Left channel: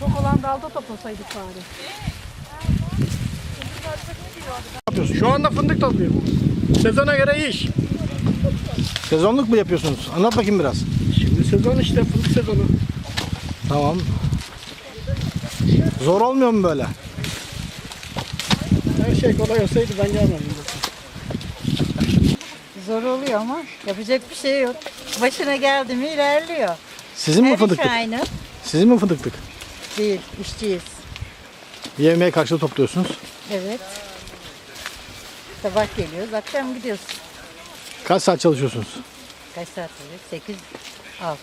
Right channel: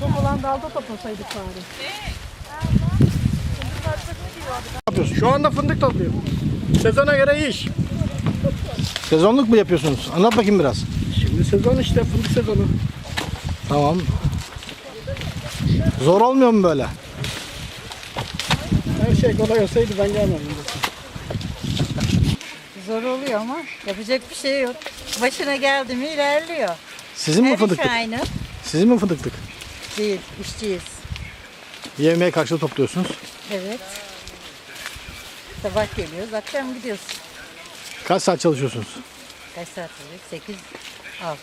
Çok olan dalda toplasaydık bari yapıyorsun? Şu anda fındık topluyorum. Sezona göre iş. Sezonluk mu yapıyorsunuz? Anlat bakayım biraz. Şimdi sezon işte fındık sezonu. Tamam. Zor olmuyor mu böyle? Her şey kolay olsaydı ben zaten. Zor oluyor ama yapacak bir şey yok. Başına geldi mi ilerliyor. Sizin mi Her iş fındıklık? aynı. Sizin mi fındıklık? Değil, işçiyiz. Yemeğe karşılığı topluyorsunuz. Evet. Sabah geliyoruz, akşam gidiyoruz. Kaç saat çalışıyorsunuz? Kaç saat olacak? 8, 6.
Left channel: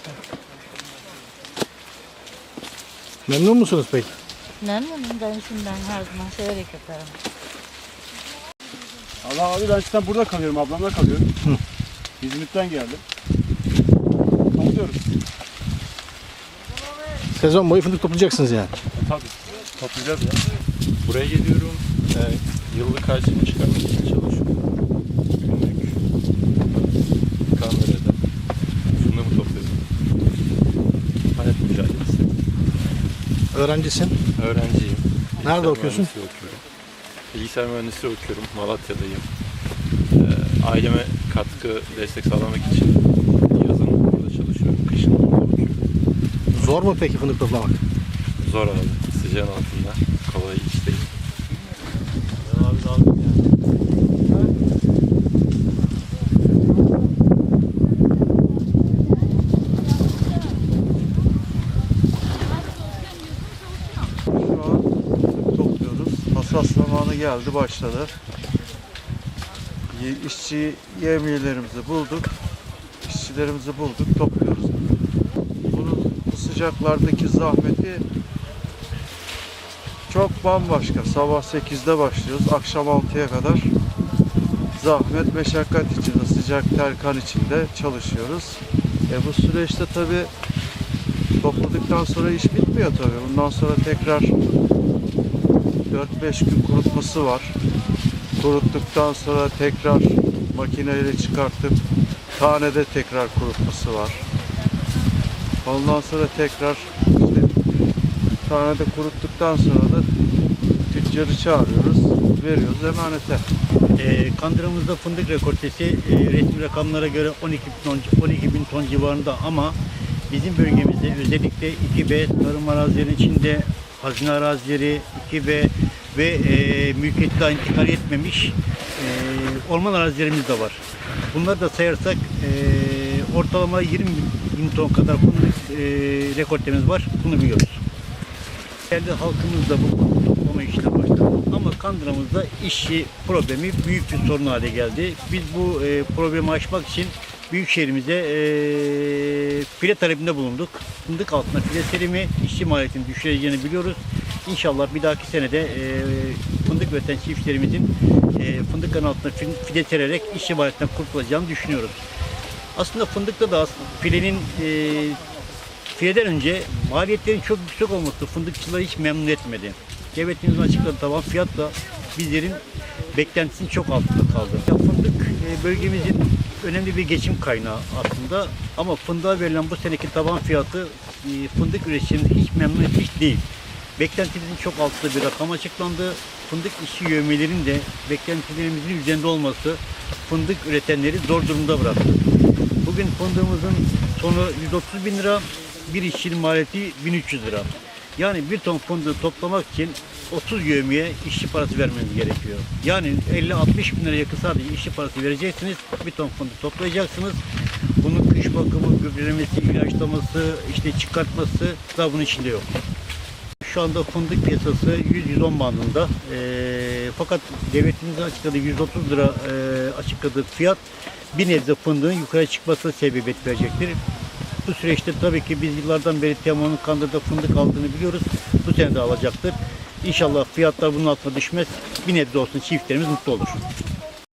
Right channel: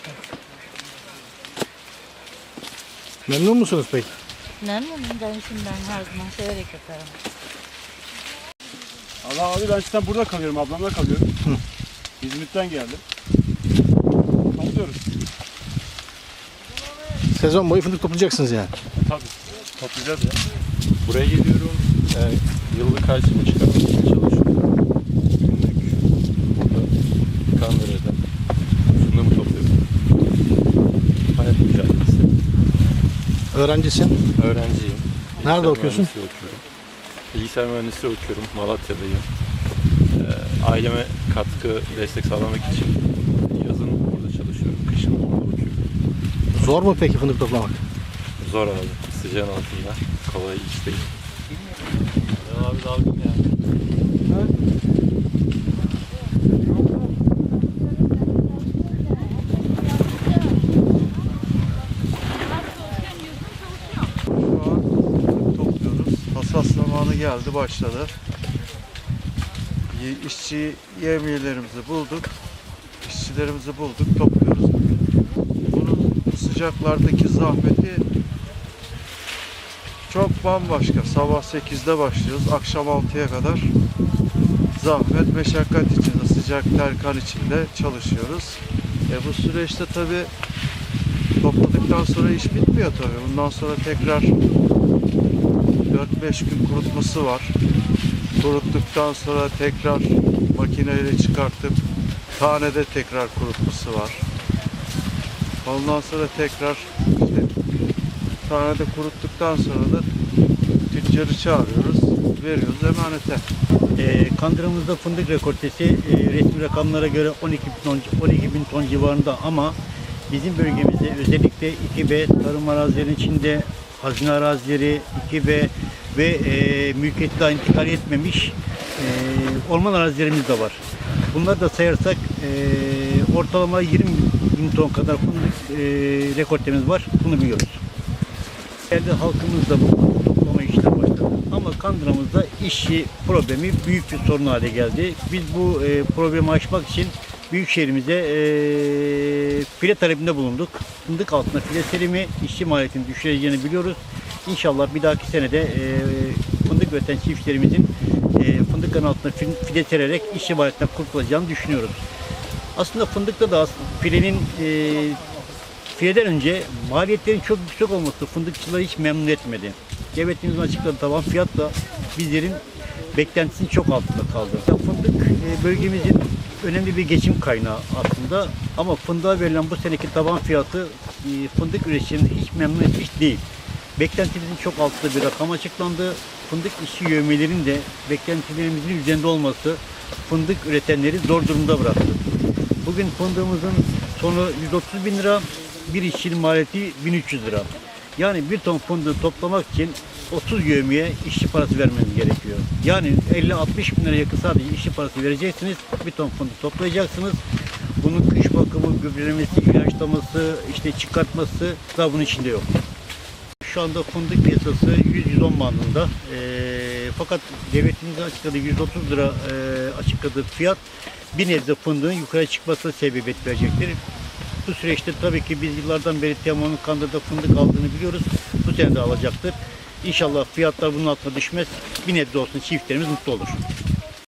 Memnun musunuz peki? Memnunum ben işimden her zaman severek yaparım. Allah abi ben zaten burada kalıyorum, ablamla kalıyorum. İzmit'ten geldim. Topluyoruz. Sezon boyu fındık toplayacaksınız yani. E, tabii. Toplayacağız ya. Buraya geliyorum. Yani yıllık harcımı çıkarmak için çalışıyorum. Günlük burada Kandere'de fındığımı topluyorum. Hayat mücadelesi. Öğrencisin. Öğrenciyim. Nerede Bilgisayar okuyorsun? mühendisliği okuyorum. Bilgisayar mühendisliği okuyorum. Malatya'dayım. Ee, aileme katkı, destek sağlamak için yazın burada çalışıyorum. Kışın orada okuyorum. Zor mu peki fındık toplamak? Zor abi. Sıcağın altında. Kolay iş değil. Abi dalgın ya. Şu an topluyoruz. Hasat zamanı geldi, başladı. İşçi yemiyelerimizi bulduk. İşçilerimizi bulduk, topluyoruz. Bunun bu sıcaklardaki zahmeti çok bambaşka. Sabah 8'de başlıyoruz, akşam 6'ya kadar zahmet, meşakkat içinde, sıcak ter kan içinde çalışıyoruz. E bu süreçte tabii Topladıktan sonra iş bitmiyor tabii. Bundan sonra tekrar 4-5 gün kurutması var. Kuruttuktan sonra tekrar makineyle çıkartıp tanede tekrar kurutması var. Ondan sonra tekrar işte tanede kuruttuktan sonra da tüccarı çağırıyoruz, veriyoruz emanete. E, Kandırımızda fındık rekortesi e, resmi rakamlara göre 12 bin, ton, 12 bin ton civarında ama bizim bölgemizde özellikle 2B tarım arazilerinin içinde hazine arazileri 2B ve e, mülkiyeti daha intikal etmemiş e, orman arazilerimiz de var. Bunları da sayarsak e, ortalama 20 bin ton kadar fındık e, rekortemiz var. Bunu biliyoruz. Yerli halkımız da bu toplama işine başladı. Ama Kandıra'mızda işçi problemi büyük bir sorun hale geldi. Biz bu e, problemi aşmak için Büyükşehir'imize e, file talebinde bulunduk. Fındık altına file serimi işçi maliyetini düşüreceğini biliyoruz. İnşallah bir dahaki senede e, fındık üreten çiftçilerimizin e, fındıkların altına fil- file sererek işçi maliyetinden kurtulacağını düşünüyoruz. Aslında fındıkta da filenin e, Fileden önce maliyetlerin çok yüksek olması fındıkçıları hiç memnun etmedi. Devletimizin açıkladığı tavan fiyat da bizlerin beklentisinin çok altında kaldı. Ya fındık e, bölgemizin önemli bir geçim kaynağı aslında ama fındığa verilen bu seneki taban fiyatı e, fındık üreticilerini hiç memnun etmiş değil. Beklentimizin çok altında bir rakam açıklandı. Fındık işçi yövmelerin de beklentilerimizin üzerinde olması fındık üretenleri zor durumda bıraktı. Bugün fındığımızın sonu 130 bin lira, bir işçinin maliyeti 1300 lira. Yani bir ton fındığı toplamak için 30 yövmiye işçi parası vermeniz gerekiyor. Yani 50-60 bin lira yakın sadece işçi parası vereceksiniz. Bir ton fındık toplayacaksınız. Bunun kış bakımı, gübrelemesi, ilaçlaması, işte çıkartması da bunun içinde yok. Şu anda fındık piyasası 100-110 bandında. Eee, fakat devletimizin açıkladığı 130 lira eee, açıkladığı fiyat bir nebze fındığın yukarı çıkmasına sebebiyet verecektir. Bu süreçte tabii ki biz yıllardan beri Teoman'ın Kandır'da fındık aldığını biliyoruz. Bu sene de alacaktır. İnşallah fiyatlar bunun altına düşmez. Bir nebze olsun çiftlerimiz mutlu olur.